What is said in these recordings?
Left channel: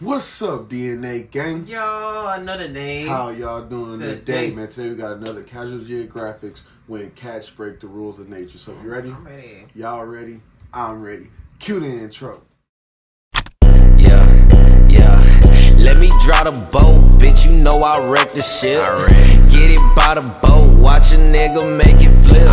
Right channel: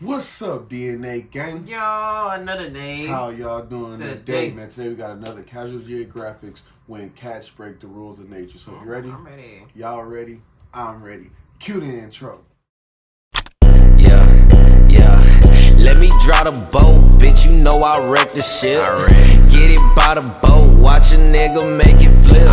What's up, DNA gang? Yo, another day. How y'all doing today, man? Today we got another Casual Geographics when cats break the rules of nature. So you ready? I'm ready. Y'all ready? I'm ready. Cue the intro. Yeah. Let me draw the boat, bitch. You know I wreck the shit. Get it by the boat, watch a nigga make it flip.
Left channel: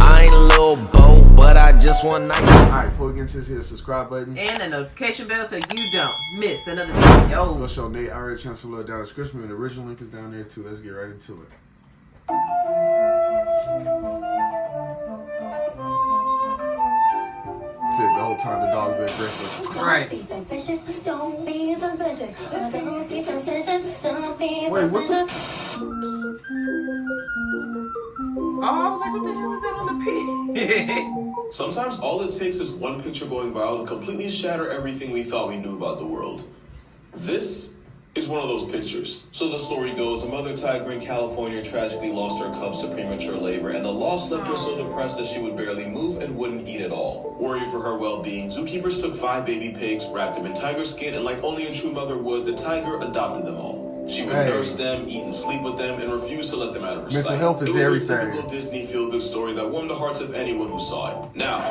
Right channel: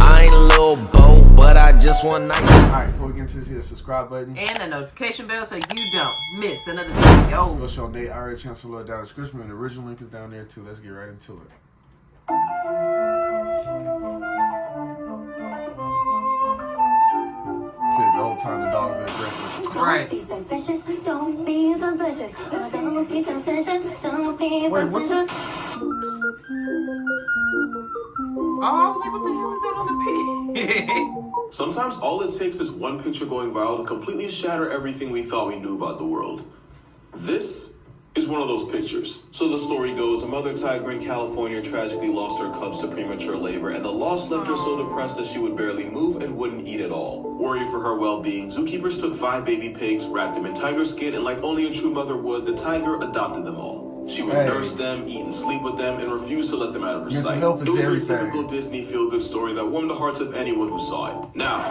I ain't a little boat, but I just want night. Alright, before we get into this, hit the subscribe button and the notification bell so you don't miss another video. Go show Nate. I already chance to look down the description, and the original link is down there too. Let's get right into it. The whole time the dog's aggressive. Right. Wait, what the? Oh, I was like, what the hell is that on the pig? Sometimes all it takes is one picture going viral to completely shatter everything we thought we knew about the world. This is one of those pictures. So the story goes, a mother tiger in California tragically lost her cubs to premature labor, and the loss left her so depressed that she would barely move and wouldn't eat at all. Worried for her well-being, zookeepers took 5 baby pigs, wrapped them in tiger skin, and like only a true mother would, the tiger adopted them all. She would nurse them, eat and sleep with them, and refuse to let them out of her sight. Mental health is everything. It was a typical Disney feel-good story that warmed the hearts of anyone who saw it. Now,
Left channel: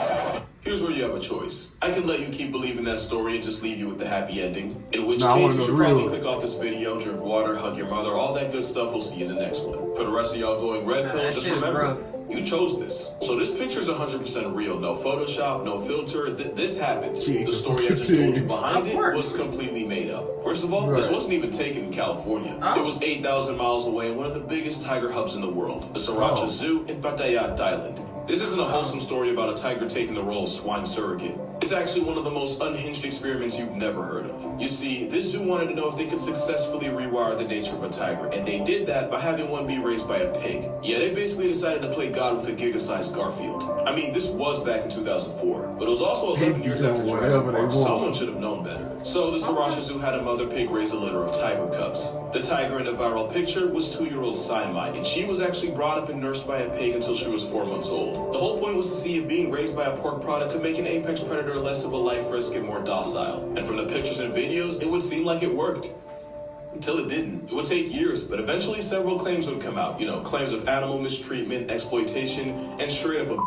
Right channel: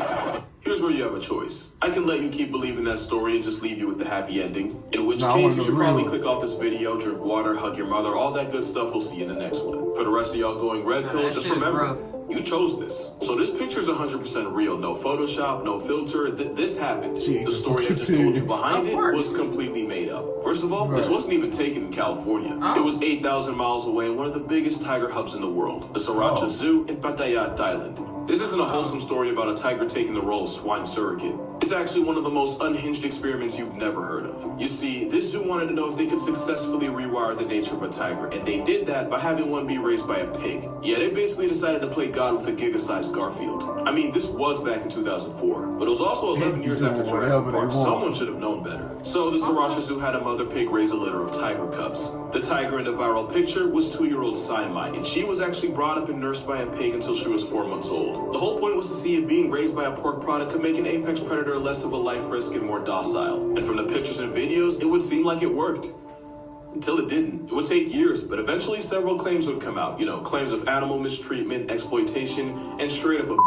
here's where you have a choice. I can let you keep believing that story and just leave you with the happy ending. In which case, you should probably click off this video, drink water, hug your mother, all that good stuff. We'll see you in the next one. For the rest of y'all going red pill, just remember, you chose this. So this picture's 100% real. No Photoshop, no filter. This happened. The story I just told you behind it was completely made up. First of all, this wasn't even taken in California. It was 8,000 miles away in one of the biggest tiger hubs in the world, the Sriracha Zoo in Pattaya, Thailand. This isn't a wholesome story about a tiger taking the role of swine surrogate. It's actually one of the most unhinged experiments you've never heard of. You see, this zoo wanted to know if they could successfully rewire the nature of a tiger, and they did that by having one be raised by a pig. Yeah, they basically decided to play God with a giga-sized Garfield. I mean, this was back in 2004, but it was also 11 years after Jurassic Park. Someone should have known better. So the Sriracha Zoo had a mother pig raise a litter of tiger cubs. The tiger in the viral picture was 2-year-old Siamite, and she was actually brought up and nursed by a pig until she was 4 months old. The whole point was to see if being raised by a pork product could make an apex predator less of a life risk and more docile. And from the pictures and videos, it would seem like it worked. Until it didn't. It would take years, but eventually several claims would come out. You know, claims of animal mistreatment, exploitation, and straight up abuse.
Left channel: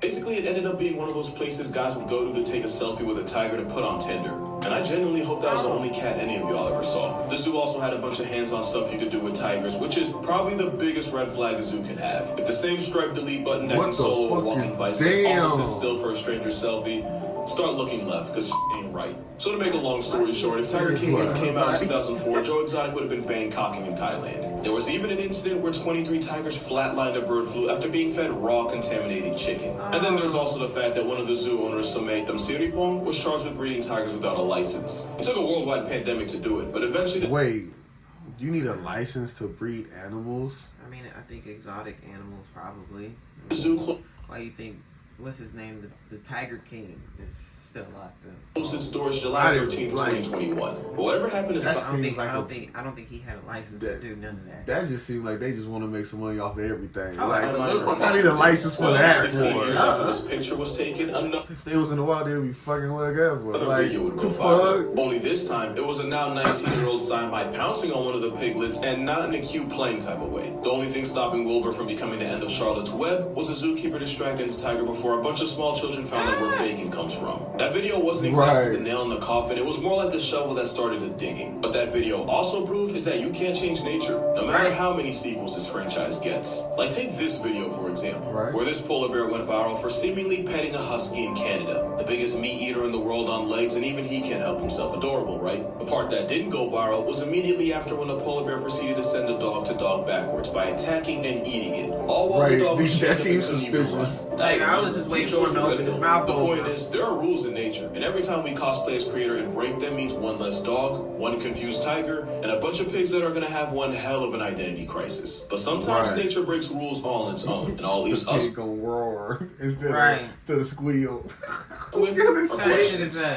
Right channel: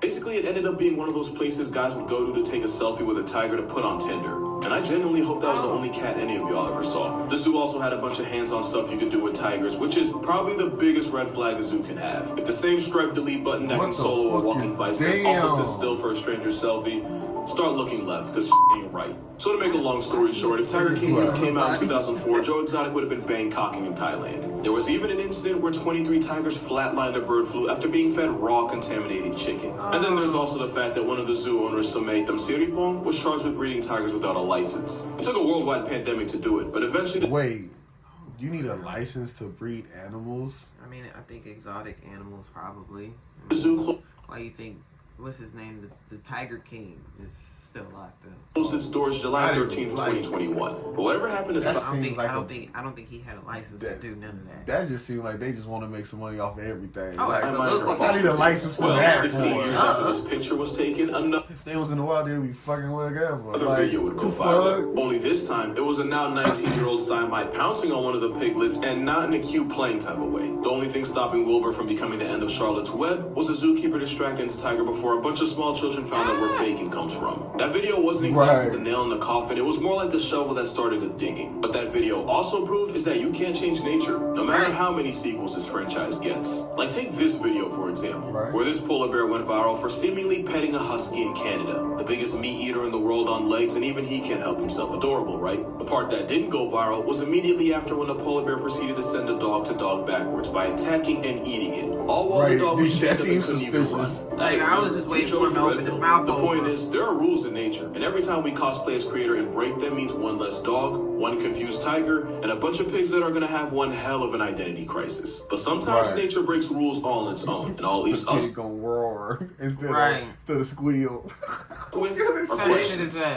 Basically, it ended up being one of those places guys would go to take a selfie with a tiger to put on Tinder. And I genuinely hope that was the only cat any of y'all ever saw. The zoo also had a bunch of hands-on stuff you could do with tigers, which is probably the biggest red flag a zoo can have. If the same striped delete button that can solo a walking bicep also sits still for a stranger selfie, start looking left, because ain't right. So to make a long story short, if Tiger King would have came out in 2004, Joe Exotic would have been Bangkoking in Thailand. There was even an incident where 23 tigers flatlined a bird flu after being fed raw contaminated chicken. And then there's also the fact that one of the zoo owners, Samay Tamsiripong, was charged with breeding tigers without a license. It took a worldwide pandemic to do it, but eventually... Wait, you need a license to breed animals? I mean, I think exotic animals probably. The zoo why you think, what's his name, the Tiger King is still locked up. Closed its doors July 13th, 2021. But whatever happened to I don't think he had a license to do none of that. That just seems like they just want to make some money off of everything. Oh, like, absolutely. I need a license for that. 16 years after this picture was taken, If they was in the wild, they would be fucking whatever. Like, video would go viral. Only this time, it was a now 19-year-old Siamite pouncing on one of the piglets, and not in a cute playing type of way. The only thing stopping Wilbur from becoming the end of Charlotte's Web was a zookeeper distracting the tiger before a bunch of small children found out where bacon comes from. That video wasn't exactly the nail in the coffin, it was more like the shovel that started the digging. But that video also proved is that you can't change nature, no matter how many sequels this franchise gets. Like take this video for example, where this polar bear went viral for seemingly petting a husky in Canada. The biggest meat eater in the world on legs, and even he can't help himself. Adorable, right? The part that didn't go viral was immediately after when the polar bear proceeded to send the dog to dog backwards by attacking and eating it. All while the dog was that seems suspicious. Like, I was just waiting for him to open his mouth. The point is, there are rules in nature, and every time we cosplay as creator and break them means one less dog, one confused tiger, and a bunch of pigs that are gonna have one hell of an identity crisis. But sometimes nature breaks rules all on its own, and all leaves us gonna roar instead of squeal.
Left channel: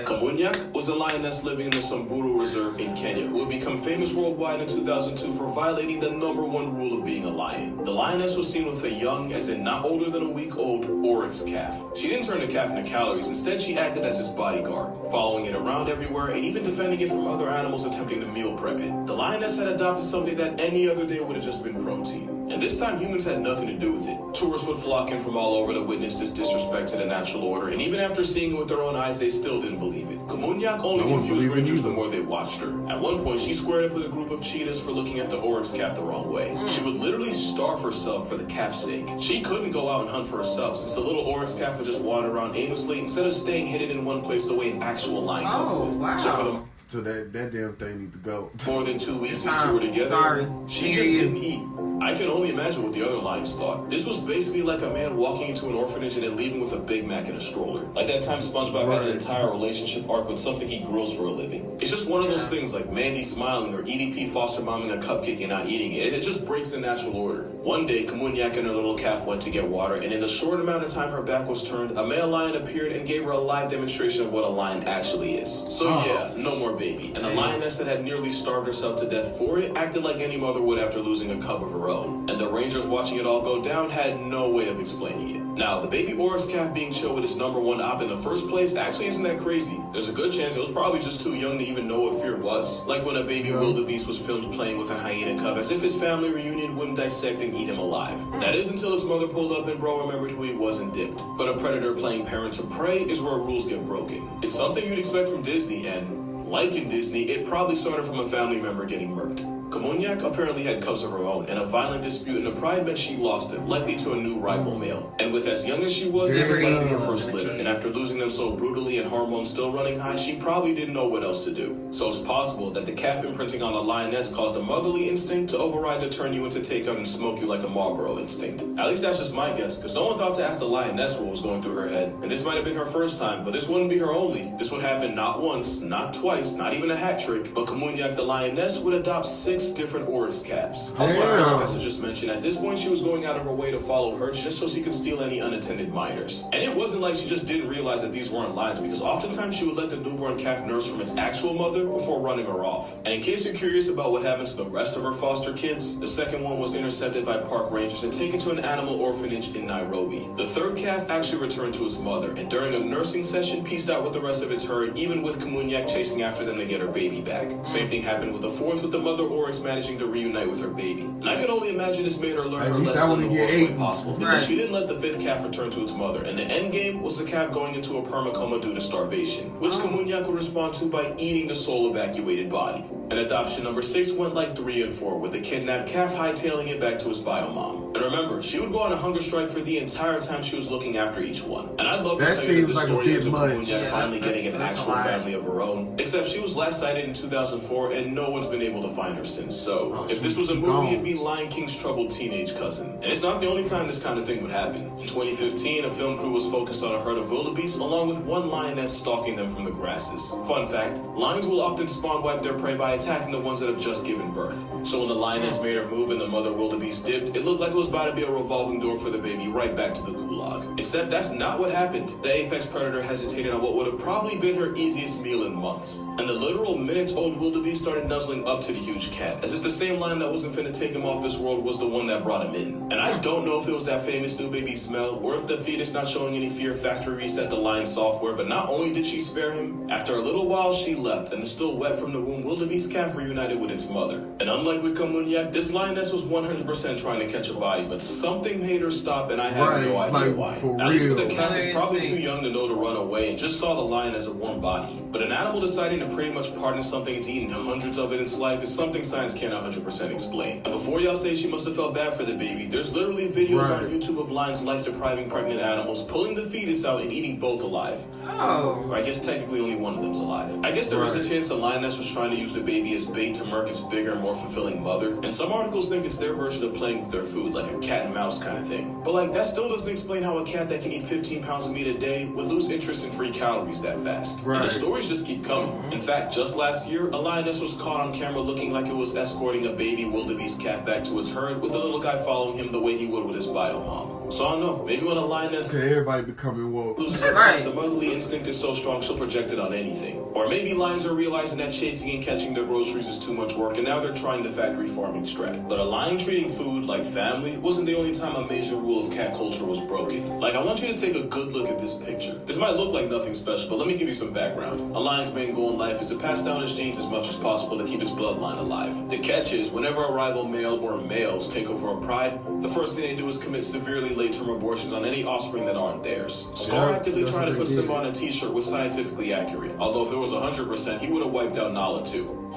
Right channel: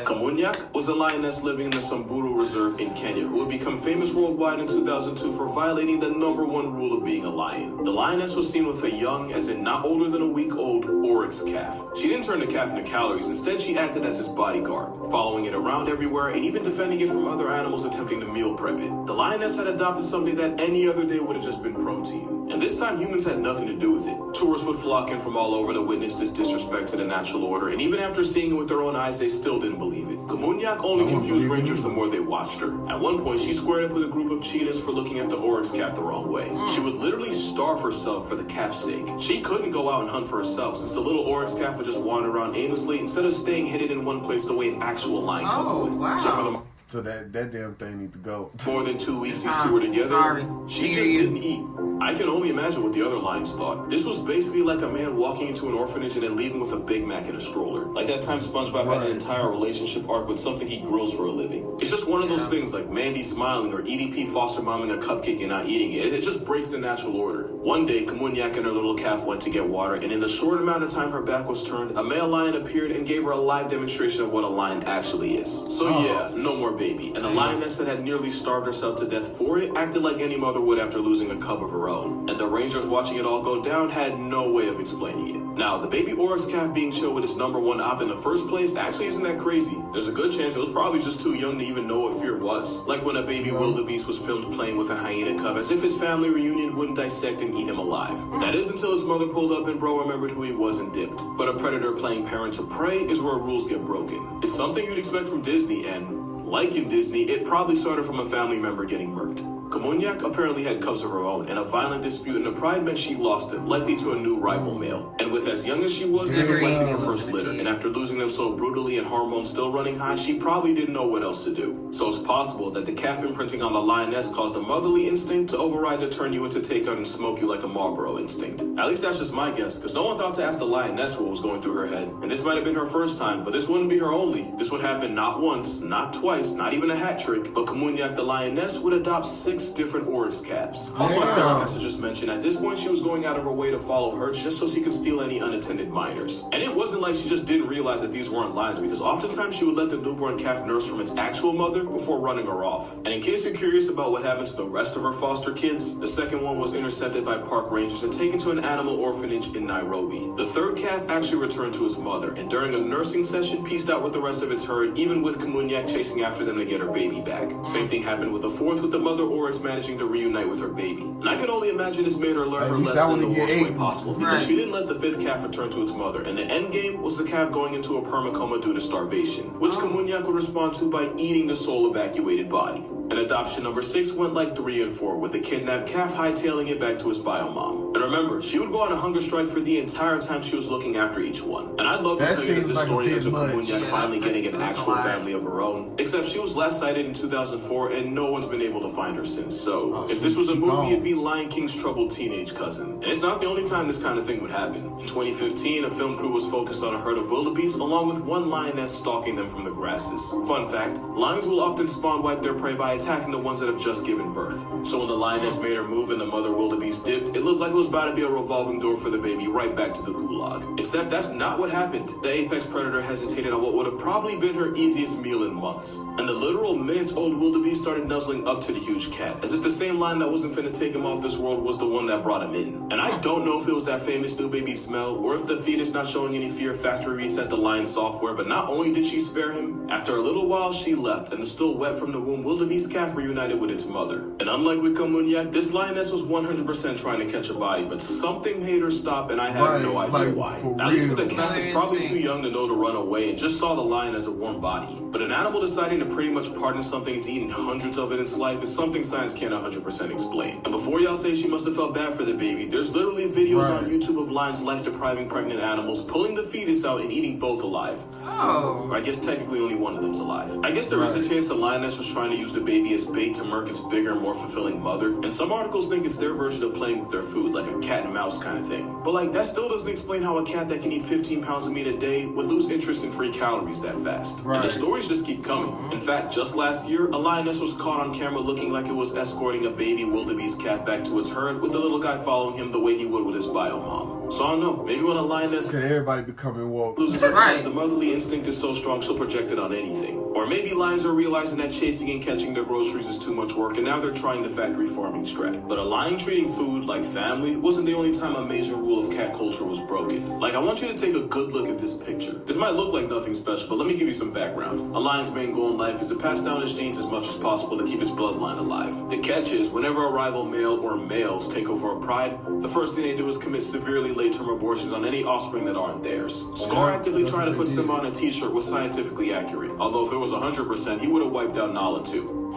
Kamunyak was a lioness living in the Samburu Reserve in Kenya who would become famous worldwide in 2002 for violating the #1 rule of being a lion. The lioness was seen with a young, as in not older than a week old, oryx calf. She didn't turn the calf into calories. Instead, she acted it as his bodyguard, following it around everywhere and even defending it from other animals attempting to meal prep it. The lioness had adopted something that any other day would have just been protein. And this time humans had nothing to do with it. Tourists would flock in from all over to witness this disrespect to the natural order, and even after seeing it with their own eyes, they still didn't believe it. Komunyak only confused rangers the more they watched her. At one point, she squared up with a group of cheetahs for looking at the oryx calf the wrong way. She would literally starve herself for the calf's sake. She couldn't go out and hunt for herself, since the little oryx calf would just wander around aimlessly instead of staying hidden in one place the way an actual lion could. Oh, wow. So that damn thing need to go. More than 2 weeks these two were together. She just didn't eat. I can only imagine what the other lions thought. This was basically like a man walking into an orphanage and then leaving with a Big Mac in a stroller. Like that time SpongeBob had an entire relationship arc with something he grills for a living. It's just one of those things like Mandy smiling or EDP foster momming a cupcake and not eating it. It just breaks the natural order. One day, Komunyak and her little calf went to get water, and in the short amount of time her back was turned, a male lion appeared and gave her a live demonstration of what a lion actually is. So yeah, no more baby. And the lioness that had nearly starved herself to death for it acted like any mother would after losing a cub of her own. And the rangers watching it all go down had no way of explaining it. Now, the baby oryx calf being shown with its #1 op in the first place actually isn't that crazy. There's a good chance it was probably just too young to even know what fear was. Like when a baby wildebeest was filmed playing with a hyena cub as if his family reunion wouldn't dissect and eat him alive. That is until its mother pulled up and bro remembered who he was and dipped. But a predator playing parent to prey is where rules get broken. It's something you'd expect from Disney, and like in Disney, it probably started from a family member getting murked. Komunyak apparently had cubs of her own, and a violent dispute in the pride meant she lost them, likely to a new rival male. And with as young as she was, this was likely her first litter, and after losing them so brutally and hormones still running high, she probably didn't know what else to do. So it's possible that the calf imprinting on the lioness caused a motherly instinct to override to turn you into take out and smoke you like a Marlboro instinct. At least that's just my guess, because no one thought to ask the lioness what was going through her head. And this might have been her first time, but this wouldn't be her only. This would happen not once, not twice, not even a hat trick, but Komunyak the lioness would adopt 6 different oryx calves. Also, like I just mentioned, at this point she was going out of her way to follow her just so she could steal any unattended minors. And it wasn't like she just didn't realize that these weren't lions, because oftentimes she would let the newborn calf nurse from its actual mother before running her off. And in case you're curious about what happened to the rest of her foster kids, the second one was intercepted by park rangers and taken to an animal orphanage in Nairobi. The third calf actually returned to its mother, and during a nursing session pieced out with the rest of its herd, even with Komunyak chasing after them to get her baby back. Same thing happened with the fourth, with the mother oryx managing to reunite with her baby. And I can only imagine this made her learn her lesson in the worst way possible, because she didn't let the 5th calf return to its mother, and the end game was the calf going into a permacoma due to starvation, which Komunyak would respond to by eating the soul evacuated body. And adoption number 6 went like 3 and 4, with the kidnapped calf hightailing it back to its biomom. And remember, she would go on a hunger strike for the entire time she was looking after each one. And I'd love to tell you the story of Komunyak finally getting an actual family of her own, except she was last sighted in 2004, and no one's been able to find her since. So, if this was a movie, it'd be Lion King's troubled teenage cousin. And it's not the only time this kind of thing would happen. In 2015, a film crew was focused on a herd of wildebeest, along with one lioness stalking them from the grasses. Fun fact, lions will often spawn wipe their prey by attacking the ones that have just given birth. So when the lioness made her move and the mother wildebeest dipped, it looked like it was about to be a revolving door for the baby right back to the gulag. Except that's not what happened. The apex predator hesitated on what would have probably been her easiest meal in months. And the literal minutes-old wildebeest started nuzzling up to the huge cat, as if the same lion that wasn't finna take him off this world was the one that brought him in. And I don't know if it was that famous new baby smell, or if the fetus not showing any fear factory reset the lion software, but not only did she spare him, after a little while she left, and the still wet from the womb wildebeest calf reunited with its mother. And unlike with Komunyak, this lioness was 100% trying to catch a body, but something made her stop, and I have no idea why. At least the calf is probably too young to know to run away and just saw the lion as a warm body. But an animal deciding to pretty much pardon something it's eaten hundreds of in its life is something science can't 100% explain. And before y'all say she must have felt bad for the baby, there's literally videos on YouTube of lions life-depriving pregnant animals, pulling the fetus out and eating both alive. Or I guess technically only one of them's alive. I guess there was a chance the lioness was trying to use the baby as bait to murk its bigger, more fulfilling mother. And some articles think it's their version of playing with their food, like a cat and mouse kind of thing. But like, that still doesn't explain how a cat that can eat 15 pounds of meat a day would lose interest in free calories that fast. And the stories just keep coming. In fact, just last year, a lioness was caught on camera looking like it was escorting a baby wildebeest calf back to its herd, with the little guy following him the way he would with his biomom. So I don't know, maybe when a lioness Okay, everybody becoming woke. loses her cubs, the motherly instinct is so strong she'll project it on anything. Or maybe lions are realizing that chasing and catching their groceries is too much work, and now they're trying the factory farming strat. But a lion treating food like family wasn't the only time a major rule of cat culture was broken. Like, I want you to take a good look at this picture. This might look like nothing special, but let me give you some background. A lion's main goal in life is to pass down his genes as much as possible to keep his bloodline alive. The catch is, whenever a rival male or males take over a pride, the first thing they do is commit severely late-term abortions on any offspring that aren't theirs. Scar actively trying to put Simba on a t-shirt was scientifically accurate, although if it was 100%, he would have wiped out Nala too.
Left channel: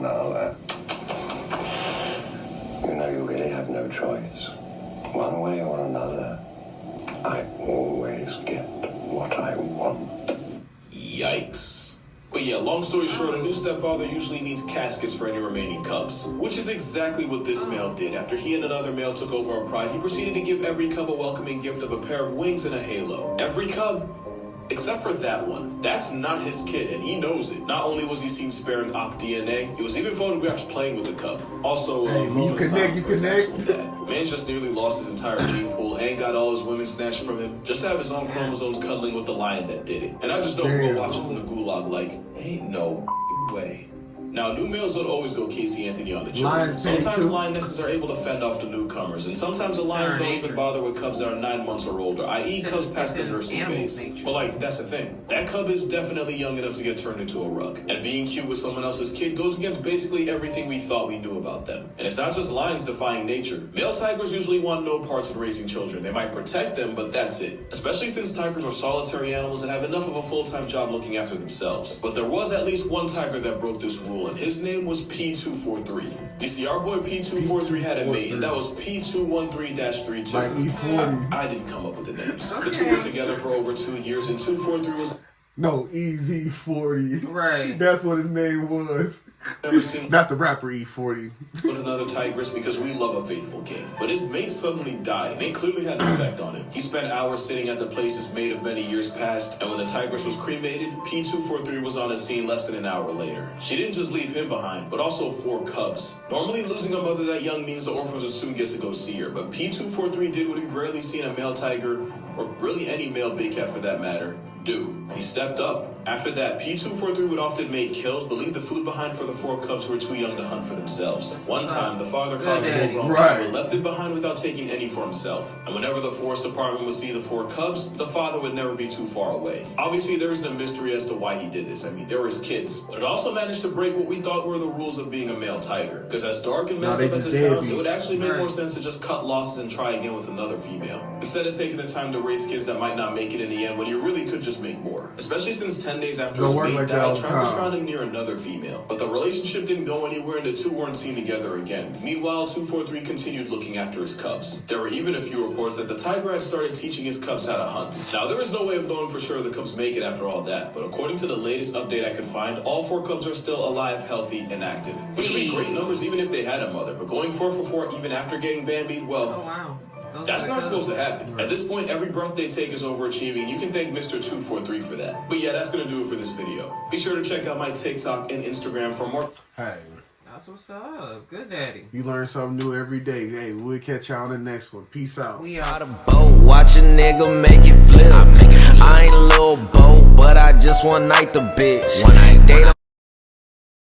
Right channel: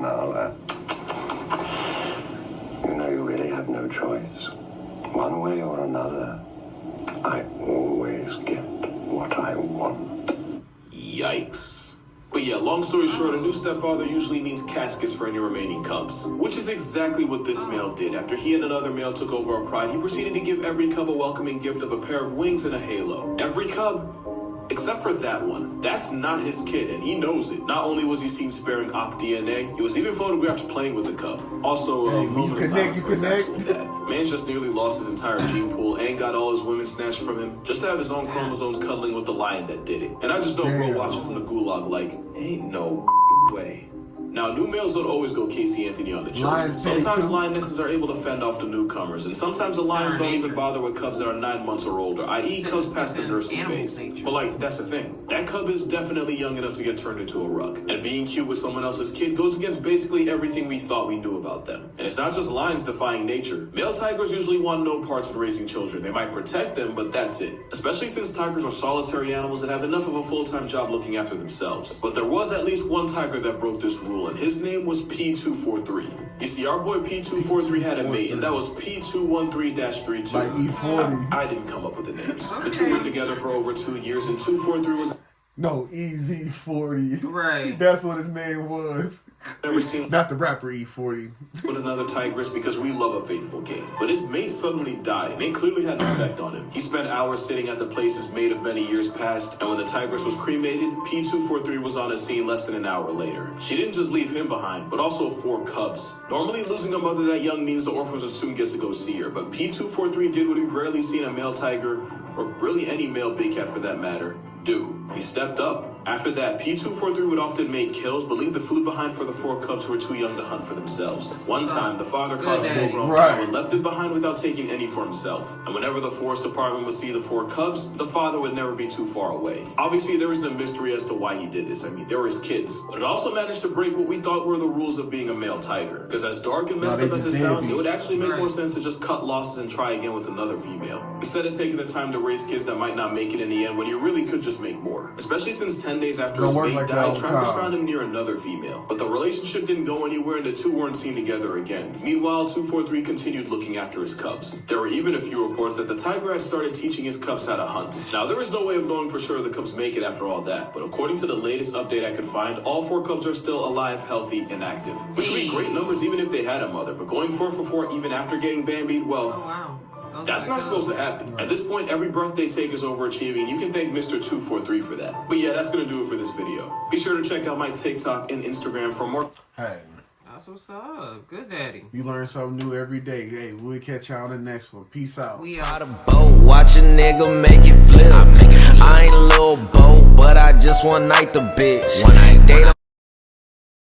Nala. You know, you really have no choice. One way or another, I always get what I want. Yikes. But yeah, long story short, a new stepfather usually means caskets for any remaining cubs. Which is exactly what this male did. After he and another male took over a pride, he proceeded to give every cub a welcoming gift of a pair of wings and a halo. Every cub, except for that one. That's not his kid, and he knows it. Not only was he seen sparing op DNA, he was even photographed playing with the cub. Also, Hey, when you connect, you connect. Man's just nearly lost his entire gene pool and got all his women snatched from him just to have his own chromosomes cuddling with the lion that did it. And I just don't go watch it from the gulag like, ain't no way. Now, new males don't always go Casey Anthony on the children. Sometimes lionesses are able to fend off the newcomers, and sometimes the lions don't even bother with cubs that are 9 months or older, i.e. cubs past their nursing phase. But like, that's the thing. That cub is definitely young enough to get turned into a rug. And being cute with someone else's kid goes against basically everything we thought we knew about them. And it's not just lions defying nature. Male tigers usually want no parts in raising children. They might protect them, but that's it. Especially since tigers are solitary animals that have enough of a full-time job looking after themselves. But there was at least one tiger that broke this rule, and his name was P243. You see, our boy P243 had a mate, and that was P213-32. Like E40. I didn't come up with the names. The two were together for over 2 years, and 243 was... No, EZ40. Right. That's what his name was. Never seen Not the rapper E40. with another tigress because we love a faithful game. But his mate suddenly died, and it clearly had an effect on him. He spent hours sitting at the place his mate of many years passed, and when the tigress was cremated, P243 was on the scene less than an hour later. She didn't just leave him behind, but also 4 cubs. Normally, losing a mother that young means the orphans would soon get to go see her, but P243 did what we've rarely seen a male tiger, or really any male big cat for that matter, do. He stepped up. After that, P243 would often make kills, but leave the food behind for the 4 cubs who were too young to hunt for themselves. One time, the father caught a full-grown cub and left it behind without taking any for himself. And whenever the forest department would see the 4 cubs, the father would never be too far away. Obviously, there isn't a mystery as to why he did this. I mean, they were his kids. But it also managed to break what we thought were the rules of being a male tiger. Because as dark and messed up as it sounds, it would actually make more sense to just cut losses and try again with another female. Instead of taking the time to raise kids that might not make it in the end when you really could just make more. Especially since 10 days after his mate died, Travis found him near another female. But the relationship didn't go anywhere and the two weren't seen together again. Meanwhile, 243 continued looking after his cubs. There were even a few reports that the tiger had started teaching his cubs how to hunt. Now, there is no way of knowing for sure the cubs make it after all that, but according to the latest update I could find, all 4 cubs are still alive, healthy, and active. Which would be great numbers even if they had a mother, but going 4 for 4 even after getting Bambi, well... Oh, wow. That's not supposed to happen. At this point, every birth they take is overachieving. You can thank Mr. 243 for that. But yeah, that's gonna do it for this video. Be sure to check out my TikTok and Instagram for more. Hey. That's what's up. Good daddy. You learn something new every day. Hey, we'll catch y'all on the next one. Peace out. We Out are. of boat, watch a nigga make it flip. I ain't a little boat, but I just one night the bitch. They don't